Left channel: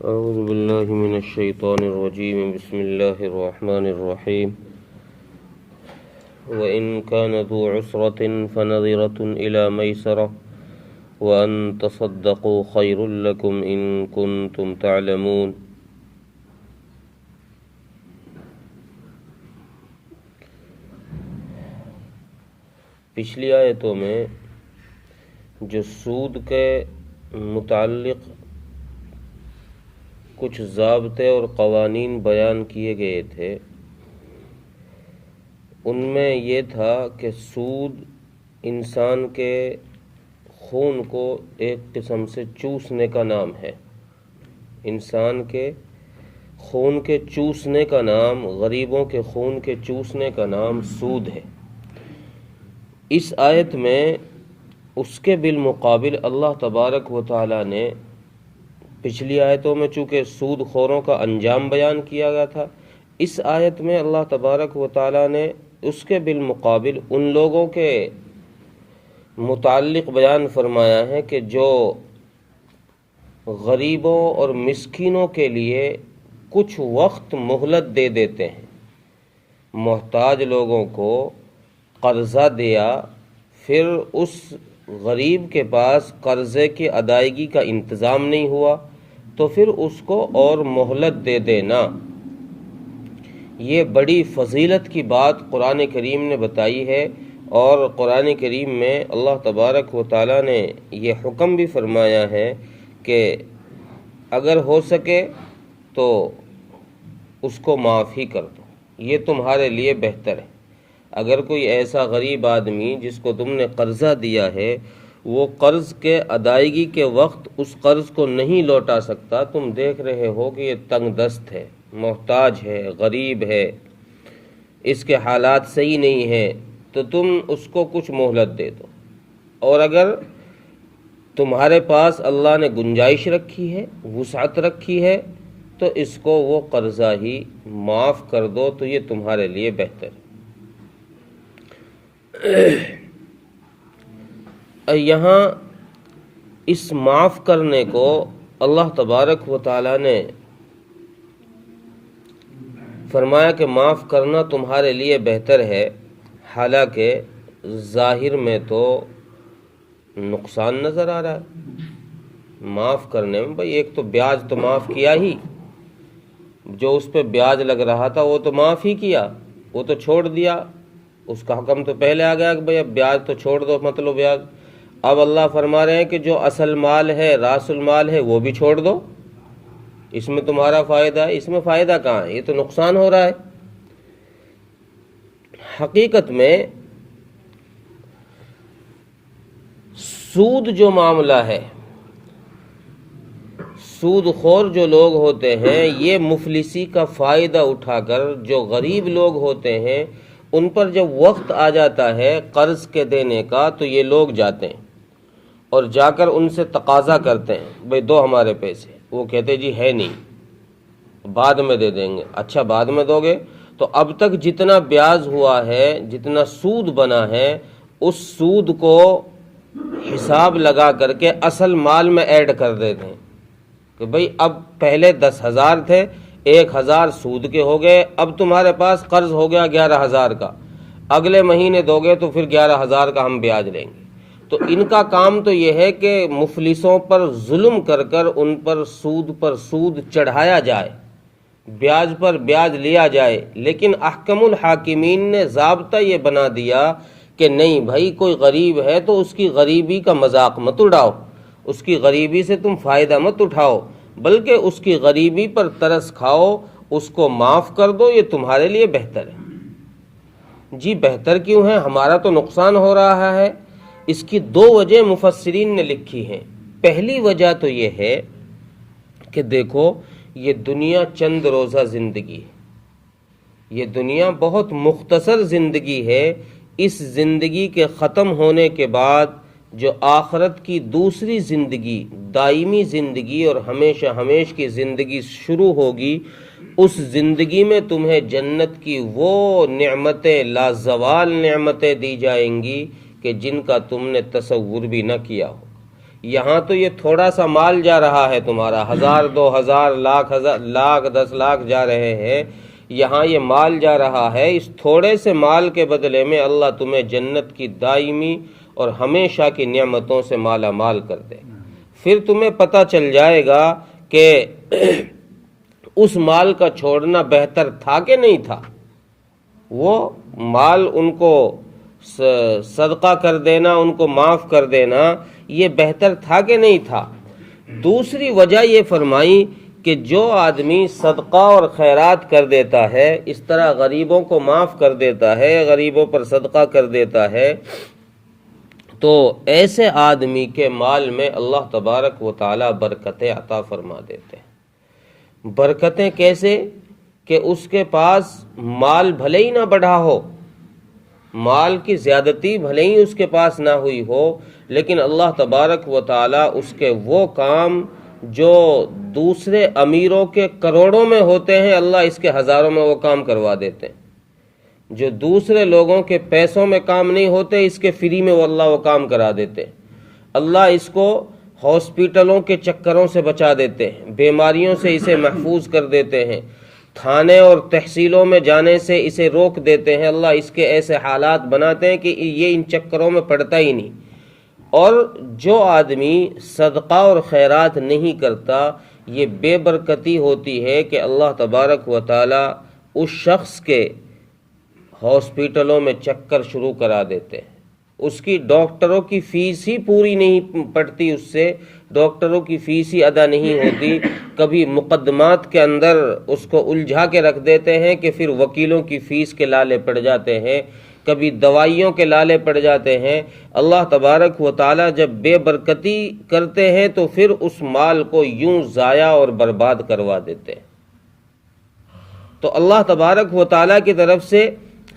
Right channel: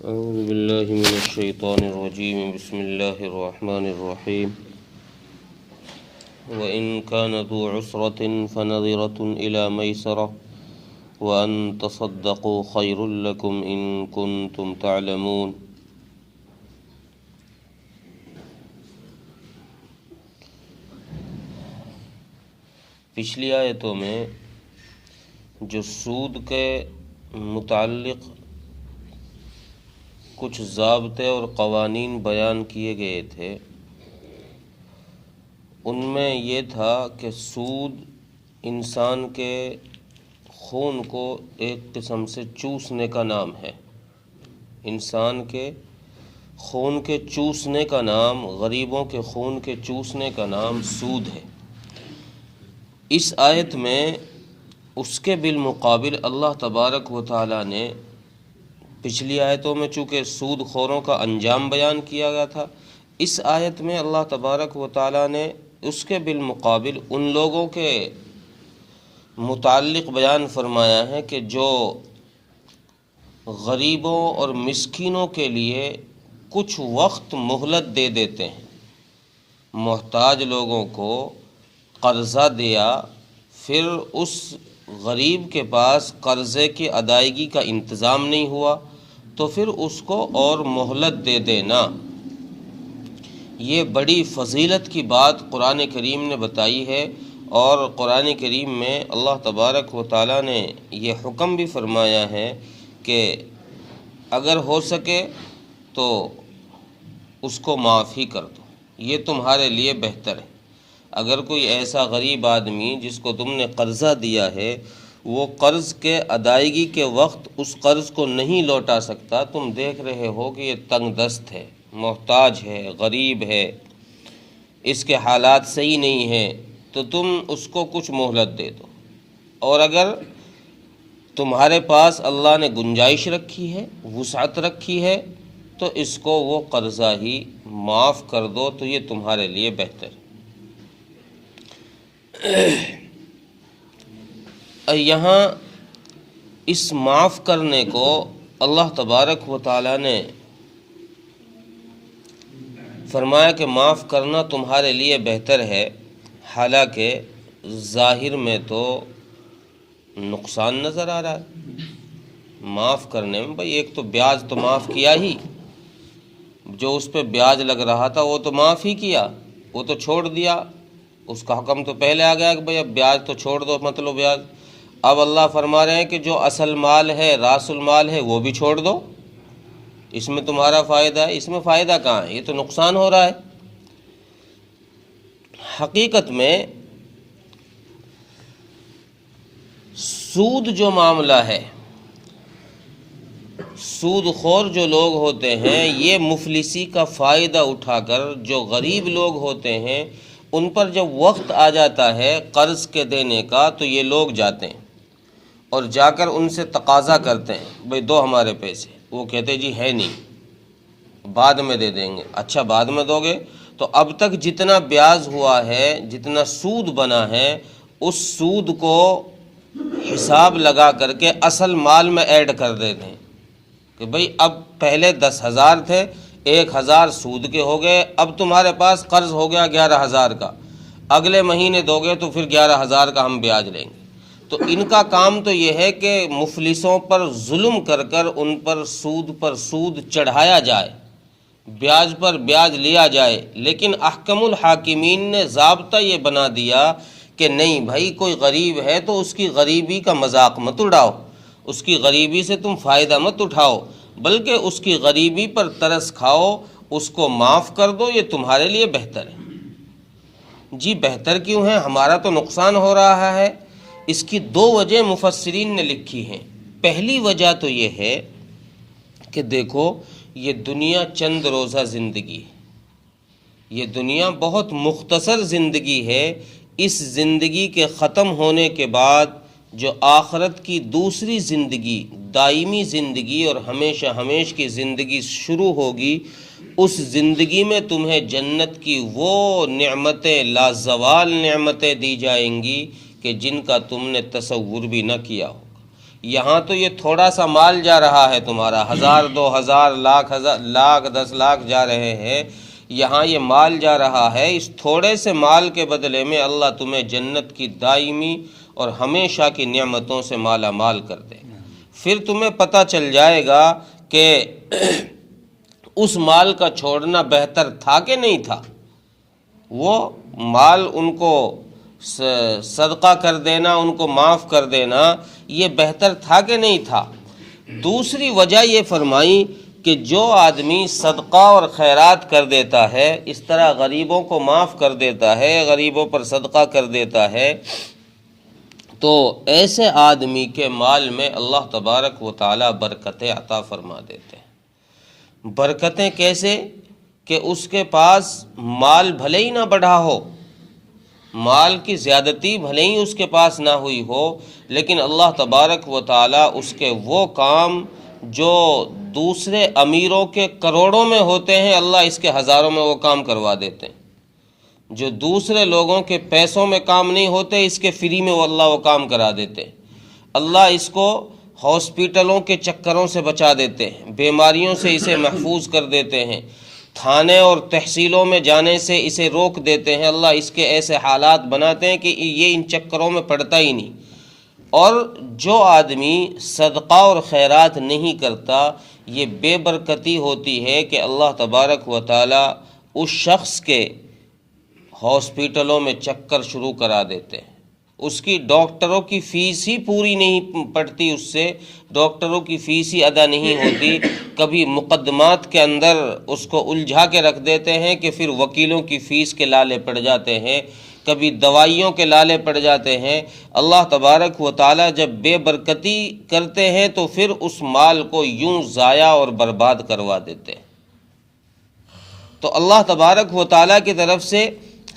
أعوذ بالله من الشيطان الرجيم. بسم الله الرحمن الرحيم. وإن كان ذو عسرة فنظرة إلى ميسرة وأن تصدقوا خير لكم إن كنتم تعلمون. پچھلی آیتوں میں جو سود کے متعلق کچھ ضابطے اور قوانین بیان کیے گئے تھے، ان میں یہ تھا کہ سود انسان کے خون کو ایک قسم سے چوسنے کا نام ہے. انسان کے خون کے چوسنے کا نام، غریبوں کے خون کے چوسنے کا نام سود ہے. اس آیت میں اس کے بالمقابل اللہ تبارک و تعالی نے، پچھلی آیتوں میں چونکہ سود خوروں کا انجام بیان کیا گیا تھا، اس آیت میں اللہ تبارک و تعالی نے اس کے بالمقابل ان لوگوں کے متعلق بیان فرمایا ہے کہ جو غریبوں اور مسکینوں کے لیے کچھ وقت مہلت دے دیتے ہیں. محتاج لوگوں کو قرضہ دیا، پھر اس غریب کے پاس قرضے کی ادائیگی کا انتظام نہیں ہوا تو پھر اس کو اور مہلت دے دینا. یہ بڑی فضیلت کی بات قرآن کریم نے بتائی ہے، اور قرآن کریم میں اللہ تبارک و تعالیٰ نے یہ حکم بھی فرمایا ہے کہ اگر ہو سکے تو اس کو معاف ہی کر دو، یہ تمہارے لیے بہتر ہے. اگر کوئی ایسا غریب آدمی جس کو تم نے قرضہ دیا ہے، وہ قرض کے ادائیگی کے وقت اس قرض کو نہیں لوٹا سکتا، تم دیکھ رہے ہو کہ یہ تنگ دست ہے، محتاج ہے، غریب ہے، اس کے حالات صحیح نہیں ہیں، تو تم اس کو کچھ مہلت دے دو. اور اگر تمہارے پاس اللہ نے گنجائش رکھی ہے، وسعت رکھی ہے، تو اس کو وہ قرضہ ہی معاف کر دو، تو یہ تمہارے لیے بہتر. یہاں اس معاف کرنے کو اللہ تبارک و تعالی نے فرمایا کہ معاف کرنا تمہارے لیے بہتر ہے. حالانکہ ظاہر میں تو نقصان نظر آ رہا ہے معاف کرنے میں. بھئی ایک تو بیاج تو معاف کیا ہی، جو اس پہ بیاج لگ رہا تھا وہ تو معاف ہی کیا، وہ تو چھوڑ دیا. اس کا حکم تو پہلے آ گیا کہ بھئی اب بیاج تو چھوڑ دو، مطلب بیاج. اب اللہ فرما رہے ہیں کہ جو اصل مال ہے، راس المال ہے، وہ بھی چھوڑ دو. اس میں تمہارا فائدہ ہے، اس میں فائدہ کہاں ہے؟ یہ تو نقصان ہو رہا ہے. حقیقت میں سود جو معاملہ ہے، سود خور جو لوگ ہوتے ہیں، یہ مفلسی کا فائدہ اٹھا کر جو غریب لوگ ہوتے ہیں، ان پر جب وقت آ جاتا ہے قرض کے دینے کا، تو یہ لوگ جاتے ہیں اور جا کر ان سے تقاضا کرتے ہیں، بھئی دو ہمارے پیسے. وہ کہتے جی ہے نہیں، بعد میں دے دیں گے. اچھا بعد میں دو گے؟ تو اب تک جتنا بیاج ہوا ہے، جتنا سود بنا ہے، اس سود کو حساب لگا کر کے اصل مال میں ایڈ کر دیتے ہیں کہ بھئی اب پہلے 10,000 تھے، 1,000 سود کے ہو گئے، اب تمہارے پاس قرض ہو گیا 11,000 کا، اگلے مہینے دو گے تو پھر 11,000 کا ہم بیاج لیں گے. تو ان کا کام تو یہ ہے کہ مفلسوں پر ظلم کر کر ان پر سود چڑھایا جائے، بیاج پر بیاج لیا جائے. لیکن احکم الحاکمین نے ضابطہ یہ بنا دیا کہ نہیں بھائی، کوئی غریب ہے تو اس کی غریبی کا مذاق مت اڑاؤ، اس کی غریبی سے تم فائدہ مت اٹھاؤ، بلکہ اس کی غریبی پر ترس کھاؤ، اس کو معاف کر دو، یہ تمہارے لیے بہتر ہے. جی بہتر کیوں ہے؟ ہمارا تو نقصان ہو رہا ہے. اس کی 2 وجہ مفسرین نے لکھی ہیں. پہلی وجہ تو یہ ہے کہ دیکھو، یہ دنیا چند روزہ زندگی ہے، یہ دنیا بہت مختصر زندگی ہے. اس زندگی کے ختم ہونے کے بعد جو آخرت کی دوسری زندگی، دائمی زندگی اور ہمیشہ ہمیش کی زندگی شروع ہوگی، اس زندگی میں تمہیں جنت کی وہ نعمتیں، لازوال نعمتیں دی جائیں گی کہ جن کا تم نے تصور بھی نہ کیا ہوگا. یہاں تو یہ تھوڑا سا مال جا رہا ہے تمہارا، 1000 2000 لاکھ 10 لاکھ جا رہے ہیں، یہاں یہ مال جا رہا ہے، اس تھوڑے سے مال کے بدلے میں اللہ تمہیں جنت کی دائمی اور ہمیشہ کی نعمتوں سے مالا مال کر دے. پھر تمہیں پتہ چل جائے گا کہ اس مال کا چھوڑنا بہتر تھا کہ نہیں تھا. وہ مال ان کو صدقہ کر دینا، ان کو معاف کر دینا، یہ بہتر تھا کہ نہیں تھا. دوسری وجہ یہ فرمائی کہ جو آدمی صدقہ اور خیرات کر دیتا ہے، اس طرح غریبوں کو معاف کر دیتا ہے، غریبوں پر صدقہ کر دیتا ہے، تو ایسے آدمی کے مال میں اللہ تبارک و تعالی برکتیں عطا فرما دیتے ہیں. برکتیں کیسے؟ کہ اس کے پاس مال بھلے ہی نہ بڑھا ہو، مال کی زیادتی بھلے ہی اس کے پاس نہ ہوئی ہو، لیکن اللہ تبارک و تعالی اس کے وہ کام جو دوسرے امیروں کے کروڑوں میں ہوتے ہیں، اللہ اس کے ہزاروں میں وہ کام کروا دیتے ہیں. جو دوسرے لوگوں کے پیسوں میں کام نہیں ہوتے، اس کے فری میں وہ اللہ وہ کام کرا دیتے. اللہ اس کو ہاسپٹلوں کے چکروں سے بچا دیتے ہیں، بیماریوں سے اسے محفوظ کر دیتے ہیں، تھانے اور تحصیلوں میں جانے سے اسے روک دیتے ہیں. اللہ اس کے ایسے حالات بناتے ہیں کہ یہ ان چکروں میں پڑتا ہی نہیں. اور جو آدمی صدقہ اور خیرات نہیں کرتا، یہ بے برکتی ہوتی ہے کہ اللہ تبارک و تعالی اس شخص کے ہاسپٹلوں میں چکر شروع کرا دیتے ہیں. اس کی ڈاکٹروں کی فیس ہی پوری نہیں پڑتی، اس سے ڈاکٹروں کی فیس ہی ادا نہیں ہوتی. کبھی مقدمات کے اندر اس کو الجھا کے رکھ دیتے ہیں کہ پھر وکیلوں کی فیس کے لالے پڑ جاتے ہیں، کبھی دوائیوں کے لالے پڑ جاتے ہیں. اللہ تبارک و تعالی جب بے برکتی کرتے ہیں تو پھر اس مال کو یوں ضائع اور برباد کروا دیتے ہیں. تو اللہ تبارک و تعالی کی طرف سے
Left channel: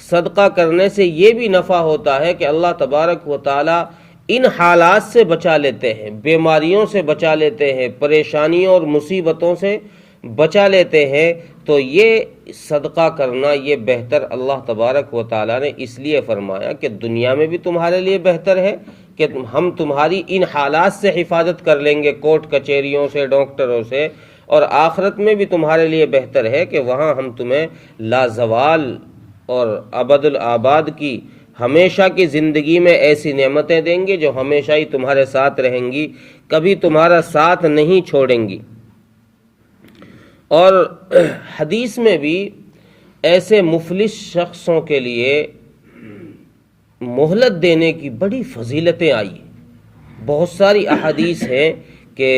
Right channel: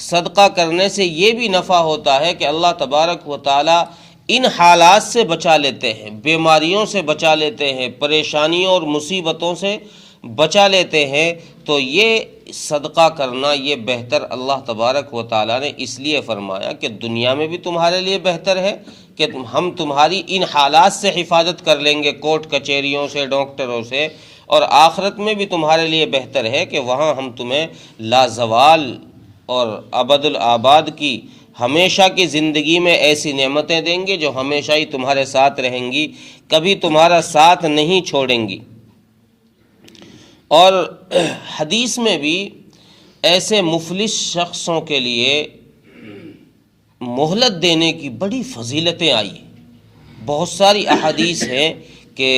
صدقہ کرنے سے یہ بھی نفع ہوتا ہے کہ اللہ تبارک و تعالی ان حالات سے بچا لیتے ہیں، بیماریوں سے بچا لیتے ہیں، پریشانیوں اور مصیبتوں سے بچا لیتے ہیں. تو یہ صدقہ کرنا یہ بہتر اللہ تبارک و تعالی نے اس لیے فرمایا کہ دنیا میں بھی تمہارے لیے بہتر ہے کہ ہم تمہاری ان حالات سے حفاظت کر لیں گے، کورٹ کچہریوں سے، ڈاکٹروں سے، اور آخرت میں بھی تمہارے لیے بہتر ہے کہ وہاں ہم تمہیں لازوال اور ابد الآباد کی ہمیشہ کی زندگی میں ایسی نعمتیں دیں گے جو ہمیشہ ہی تمہارے ساتھ رہیں گی، کبھی تمہارا ساتھ نہیں چھوڑیں گی. اور حدیث میں بھی ایسے مفلس شخصوں کے لیے مہلت دینے کی بڑی فضیلتیں آئی. بہت ساری احادیث ہیں کہ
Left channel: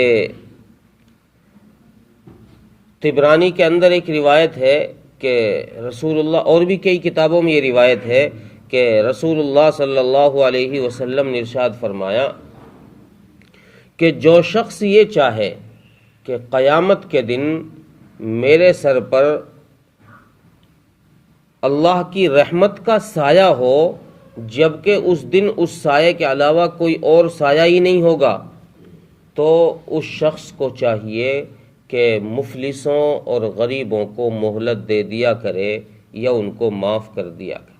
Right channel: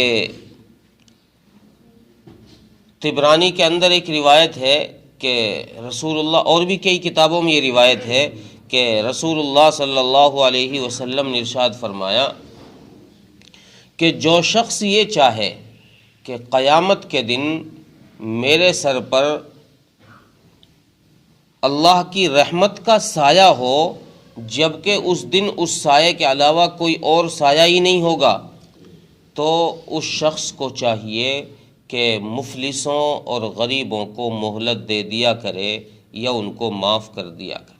طبرانی کے اندر ایک روایت ہے کہ رسول اللہ، اور بھی کئی کتابوں میں یہ روایت ہے کہ رسول اللہ صلی اللہ علیہ وسلم نے ارشاد فرمایا کہ جو شخص یہ چاہے کہ قیامت کے دن میرے سر پر اللہ کی رحمت کا سایہ ہو، جبکہ اس دن اس سایہ کے علاوہ کوئی اور سایہ ہی نہیں ہوگا، تو اس شخص کو چاہیے کہ مفلسوں اور غریبوں کو مہلت دے دیا کرے یا ان کو معاف کر دیا کرے.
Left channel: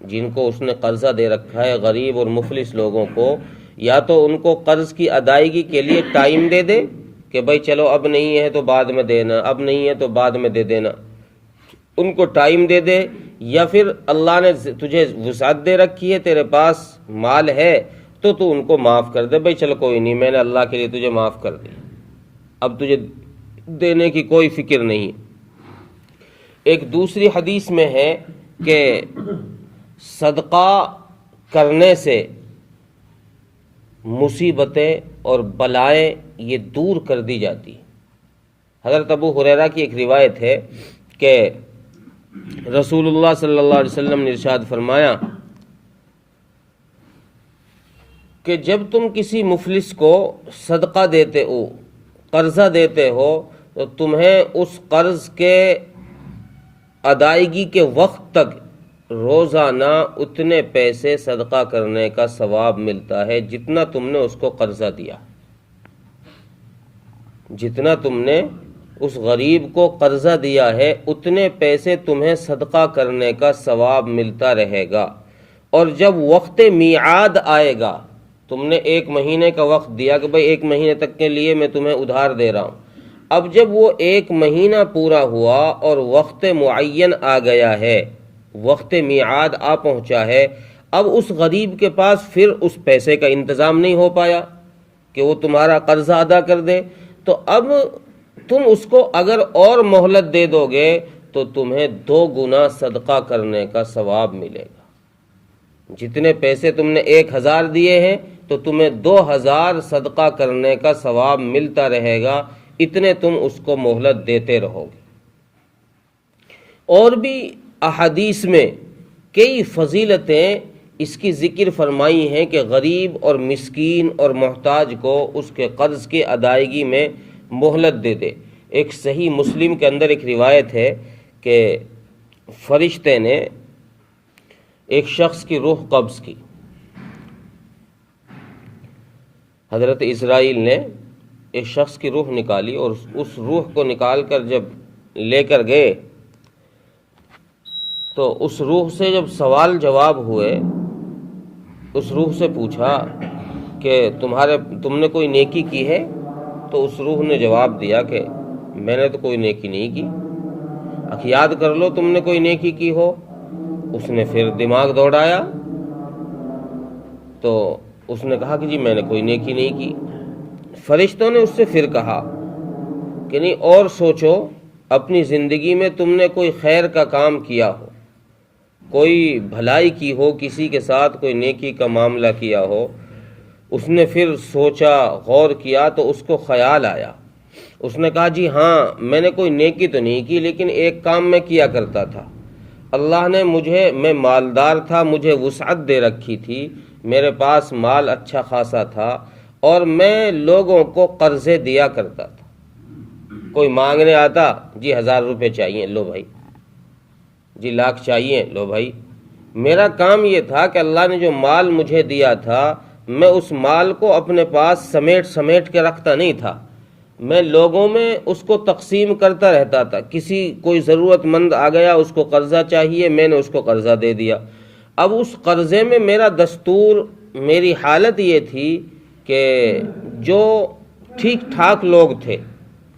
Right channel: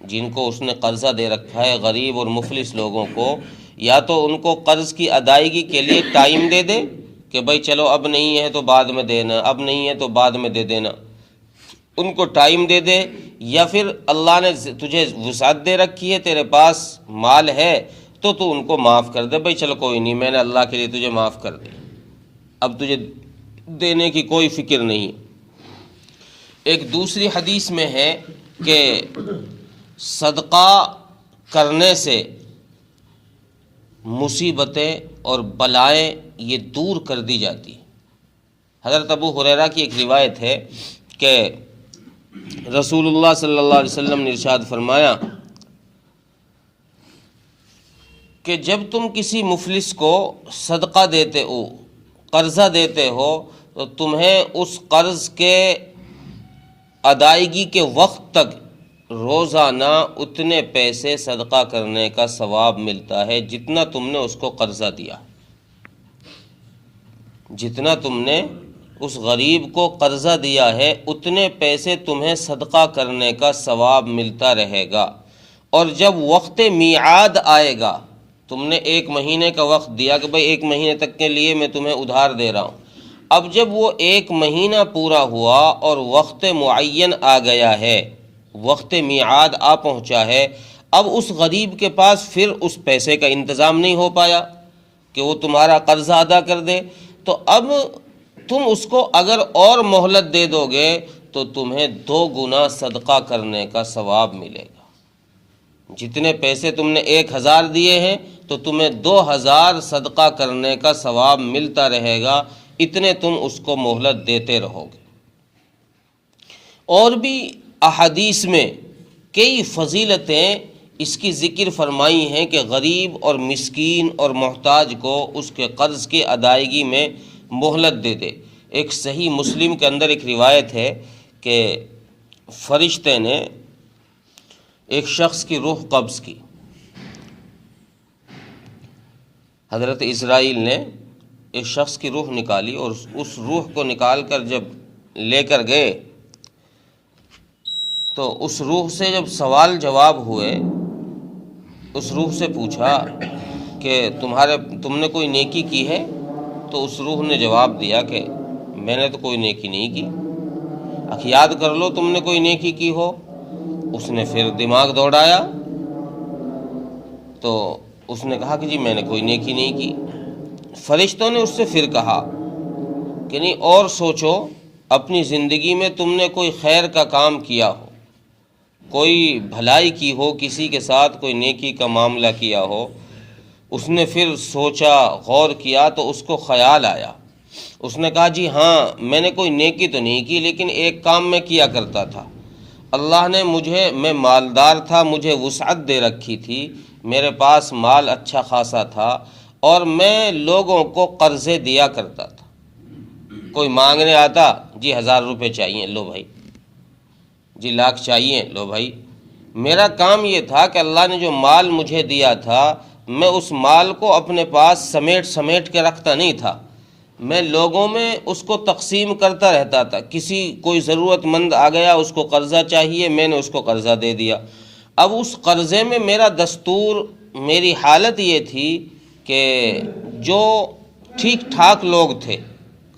جن کو اس نے قرضہ دے رکھا ہے، غریب اور مفلس لوگوں کو، یا تو ان کو قرض کی ادائیگی کے لیے ٹائم دے دے کہ بھائی چلو اب نہیں ہے تو بعد میں دینا، اب نہیں ہے تو بعد میں دے دینا، ان کو ٹائم دے دے. یا پھر اللہ نے تجھے وسعت دے رکھی ہے، تیرے پاس مال ہے تو ان کو معاف کر دے، بھائی چلو کوئی نہیں، میں نے اللہ کے لیے تجھے معاف کر دیا، اب تجھے دینے کی کوئی فکر نہیں. ایک دوسری حدیث میں ہے کہ صدقہ کرنے سے مصیبتیں اور بلائیں یہ دور کر دی جاتی. حضرت ابو ہریرہ کی ایک روایت ہے کہ رسول اللہ صلی اللہ علیہ وسلم نے ارشاد فرمایا کہ جب تم کسی مفلس کو صدقہ دیتے ہو، قرضہ دیتے ہو، تو تمہیں اس قرض کے ادائیگی کے وقت تک روزانہ اتنے پیسے صدقہ کرنے کا ثواب ملتا ہے جتنا تم نے اس کو قرضہ دیا. جتنا تم نے اس غریب کو قرضہ دیا ہے اتنے پیسے تمہیں صدقہ کرنے کا ثواب ملتا رہے گا. اور جب وقت میعاد آئے گا تم نے 1 مہینے کا وقت دیا کہ بھئی 1 مہینے تک کے لیے میں تمہیں ادھار دے رہا ہوں۔ اب جب وہ 1 مہینہ پورا ہوا اور وقت معین آ گیا ہے، وقت میعاد آ پہنچا ہے، اب اس غریب کے پاس پھر اس پیسے کا انتظام نہیں ہو پایا کہ وہ تمہارا قرضہ ادا کر دے، تو اب تم اس کو اگر اور مہلت دے دو گے تو تمہیں 2 گنا صدقہ کرنے کا ثواب ملے گا۔ جتنے پیسے تم نے 1000 دیے ہیں تو تمہیں 2000 صدقہ کرنے کا ثواب ملتا رہے گا، اتنے تم اس کو مہلت دیتے رہو گے۔ اور بھی احادیث میں کئی فضیلتیں اس کی ذکر فرمائی ہیں کہ غریب اور مسکین اور محتاج کو اس کے قرض کی ادائیگی میں مہلت دے دے۔ ایک صحیح مسلم کے اندر ایک روایت ہے کہ فرشتے نے ایک شخص کی روح قبض کی، حضرت اسرائیل نے ایک شخص کی روح نکالی، اور اس روح کو نکال کر جب لے کر گئے تو اس روح سے جب سوال جواب ہوئے، اس روح سے پوچھا کہ تم نے کوئی نیکی کی ہے؟ تو اس روح نے جواب دیا کہ میں نے تو کوئی نیکی نہیں کی۔ یاد کر لو تم نے کوئی نیکی کی ہو۔ اس نے پھر دماغ دوڑایا تو اس نے کہا کہ جی میں نے کوئی نیکی نہیں کی۔ فرشتوں نے اس سے پھر کہا کہ نہیں، اور سوچو، اپنی زندگی میں تم نے کوئی خیر کا کام کیا ہو، کوئی بھلائی کی ہو، کسی کے ساتھ کوئی نیکی کا معاملہ کیا ہو۔ اس نے پھر سوچا، غور کیا تو اس کو خیال آیا۔ اس نے کہا جی ہاں، میں نے کوئی نیکی تو نہیں کی، لیکن ایک کام میں کیا کرتا تھا۔ اللہ نے میں مالدار تھا، مجھے وسعت دے رکھی تھی، میرے پاس مال اچھا خاصا تھا، اور میں لوگوں کو قرضے دیا کرتا تھا۔ کوئی مانگنے آتا، جی 1000 روپے چاہیے، لو بھائی، جی 1,00,000 چاہیے، لو بھائی۔ میرا کام یہ تھا کہ اللہ نے جو مال مجھے دیا تھا، میں اس مال کو اپنے پاس سمیٹ کے رکھتا نہیں تھا، میں لوگوں میں اس کو تقسیم کرتا رہتا تھا۔ کوئی ضرورت مند آ گیا، اس کو قرضہ چاہیے، میں نے اس کو قرضہ دے دیا۔ اب اس قرضے میں میرا دستور، میری حالت یہ تھی کہ جو ٹھیک ٹھاک لوگ تھے،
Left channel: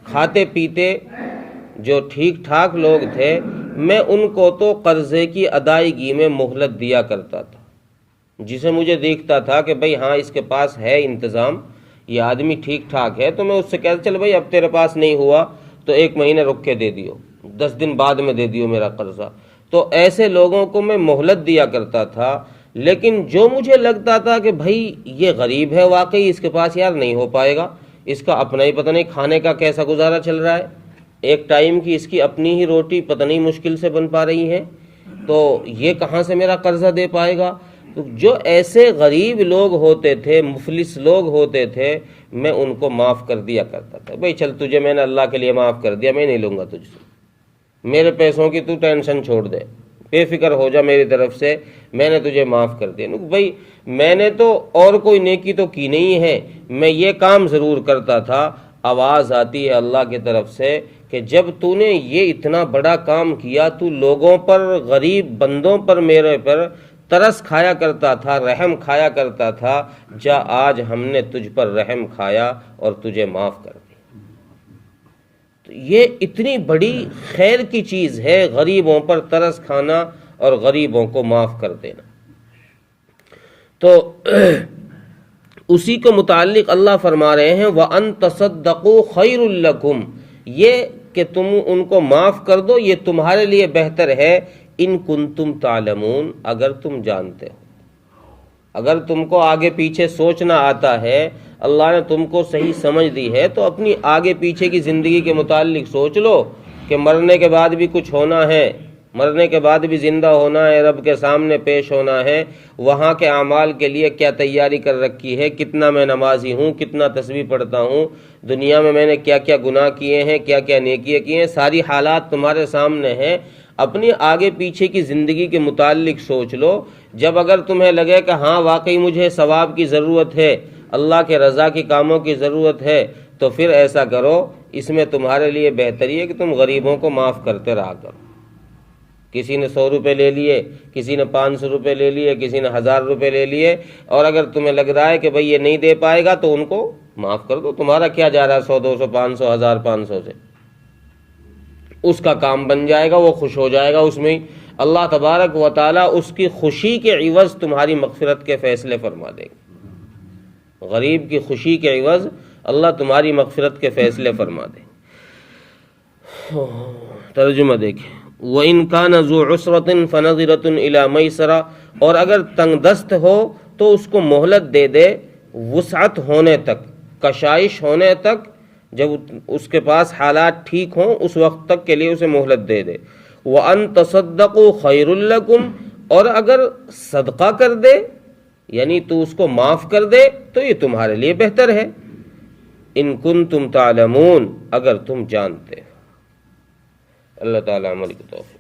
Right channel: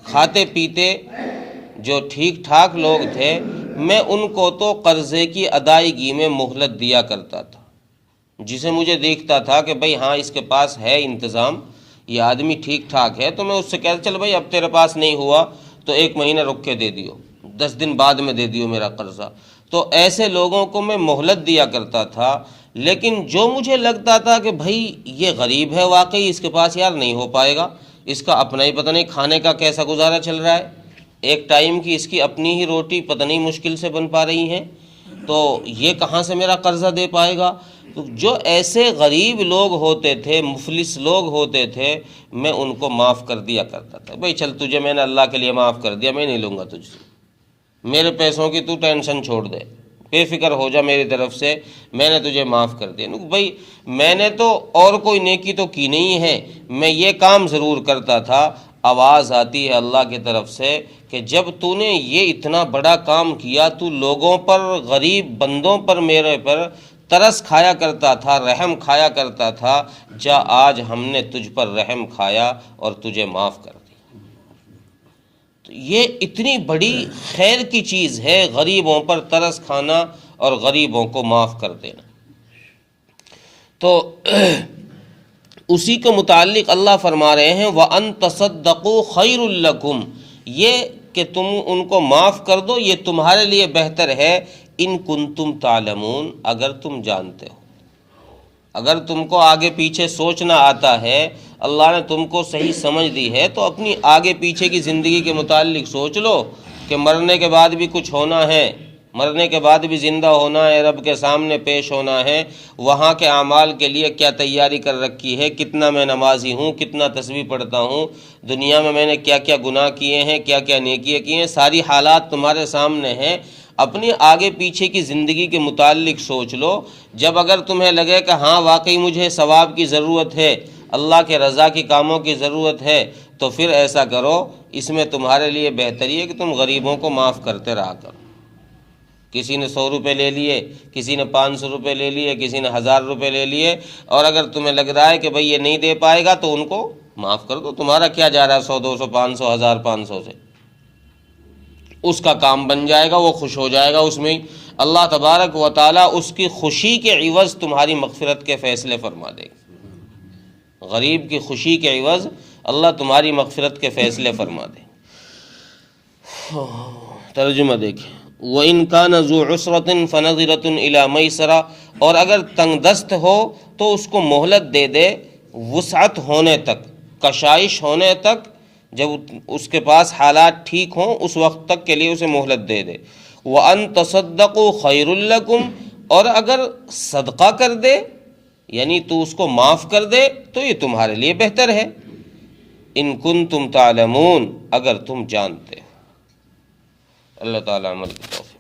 کھاتے پیتے جو ٹھیک ٹھاک لوگ تھے، میں ان کو تو قرضے کی ادائیگی میں مہلت دیا کرتا تھا۔ جسے مجھے دیکھتا تھا کہ بھئی ہاں اس کے پاس ہے انتظام، یہ آدمی ٹھیک ٹھاک ہے، تو میں اس سے کہتا چل بھئی اب تیرے پاس نہیں ہوا تو 1 مہینے رک کے دے دیو، 10 دن بعد میں دے دیو میرا قرضہ۔ تو ایسے لوگوں کو میں مہلت دیا کرتا تھا۔ لیکن جو مجھے لگتا تھا کہ بھئی یہ غریب ہے واقعی، اس کے پاس یار نہیں ہو پائے گا، اس کا اپنا ہی پتہ نہیں کھانے کا کیسا گزارا چل رہا ہے، ایک ٹائم کی اس کی اپنی ہی روٹی پتہ نہیں مشکل سے بن پا رہی ہیں، تو یہ کہاں سے میرا قرضہ دے پائے گا۔ تو جو ایسے غریب لوگ ہوتے تھے، مفلس لوگ ہوتے تھے، میں ان کو معاف کر دیا کرتا تھا۔ بھئی چل تجھے میں نے اللہ کے لیے معاف کر دیا، میں نہیں لوں گا تجھ سے، میرے پیسوں کی تو ٹینشن چھوڑ دے، بے فکر ہو جا میری طرف سے، میں نے تجھے معاف کر دیا۔ بھئی میں نے تو اور کوئی نیکی تو کی نہیں ہے، میں یہ کام ضرور کرتا تھا۔ آواز آتی ہے اللہ کی طرف سے کہ جب تو نے یہ اتنا بڑا کام کیا، تو لوگوں پر، غریب بندوں پر، میرے پر ترس کھایا کرتا تھا، رحم کھایا کرتا تھا، جا آج ہم نے تجھ پر رحم کھایا اور تجھے معاف کر دیا۔ تو یہ اتنی بڑی خیر کی چیز ہے، غریبوں پر ترس کھانا اور غریبوں کو معاف کر دینا۔ تو اسی کے متعلق اللہ فرما رہے ہیں وَأَن تَصَدَّقُوا خَيْرٌ لَكُمْ، یہ کہ تم ان کو معاف کر دو یہ تمہارے لیے بہتر ہے، ان کنتم تعلمون، اگر تم جانتے ہو، اگر تم کو آگے پیچھے سوچنا آتا ہے، اللہ نے تم کو صحیح سمجھ دی ہے، تو اپنی آگے پیچھے کی زندگی کے متعلق سوچ لو کہ مرنے کے بعد بھی کچھ ہونا ہے، مرنے کے بعد بھی زندہ ہونا ہے، رب کے سامنے پیش ہونا ہے، وہاں کے اعمال کے لیے کیا تیاری کر رکھی ہے، کتنا میں نمازی ہوں، کتنا تسبیح پڑھتا ہوں، دنیا میں نے کیا کیا گناہ کیے ہیں، کیا کیا نیکیاں کی ہیں، ساری حالات تمہارے سامنے ہیں۔ اپنی آگے پیچھے کی زندگی کے متعلق سوچ لو، جب اگر تمہیں لگے کہ ہاں واقعی مجھے ثواب کی ضرورت ہے، اللہ کے رضا کے کاموں کی ضرورت ہے، تو پھر ایسا کرو، اس میں تمہارے لیے بہتری ہے کہ تم غریبوں کو معاف کرتے رہا کرو۔ کسی نے 100 روپے لے لیے، کسی نے 500 روپے لے لیے، کسی نے 1000 روپے لے لیے، اور اگر تمہیں لگ رہا ہے کہ بھئی یہ نہیں دے پائے گا تو ان کو معاف کر دو، تمہارا کیا جا رہا ہے 100 200 500 1500 سے، اس کا کام بن جائے گا، وہ خوش ہو جائے گا اس میں ہی، اللہ تبارک و تعالیٰ اس کی خوشی کے عوض تمہاری مغفرت کے فیصلے فرما دے گا، غریب کی خوشی کے عوض اللہ تمہاری مغفرت کے فیصلے فرما دے گا۔ ترجمہ دیکھیں، وَإِن كَانَ ذُو عُسْرَةٍ فَنَظِرَةٌ إِلَى مَيْسَرَةٍ، اور اگر تنگ دست ہو تو اس کو مہلت دے دے وسعت ہونے تک، کشائش ہونے تک، جب اس کے پاس حالات ٹھیک ہوں اس وقت تک کے لیے اسے مہلت دے دے۔ وَأَن تَصَدَّقُوا خَيْرٌ لَكُمْ، اور اگر صدقہ کر دے یعنی تو اس کو معاف کر دے تو یہ تمہارے لیے بہتر ہے، ان کنتم تعلمون، اگر تم جانتے ہو۔ اللہ تعالیٰ عمل کی توفیق۔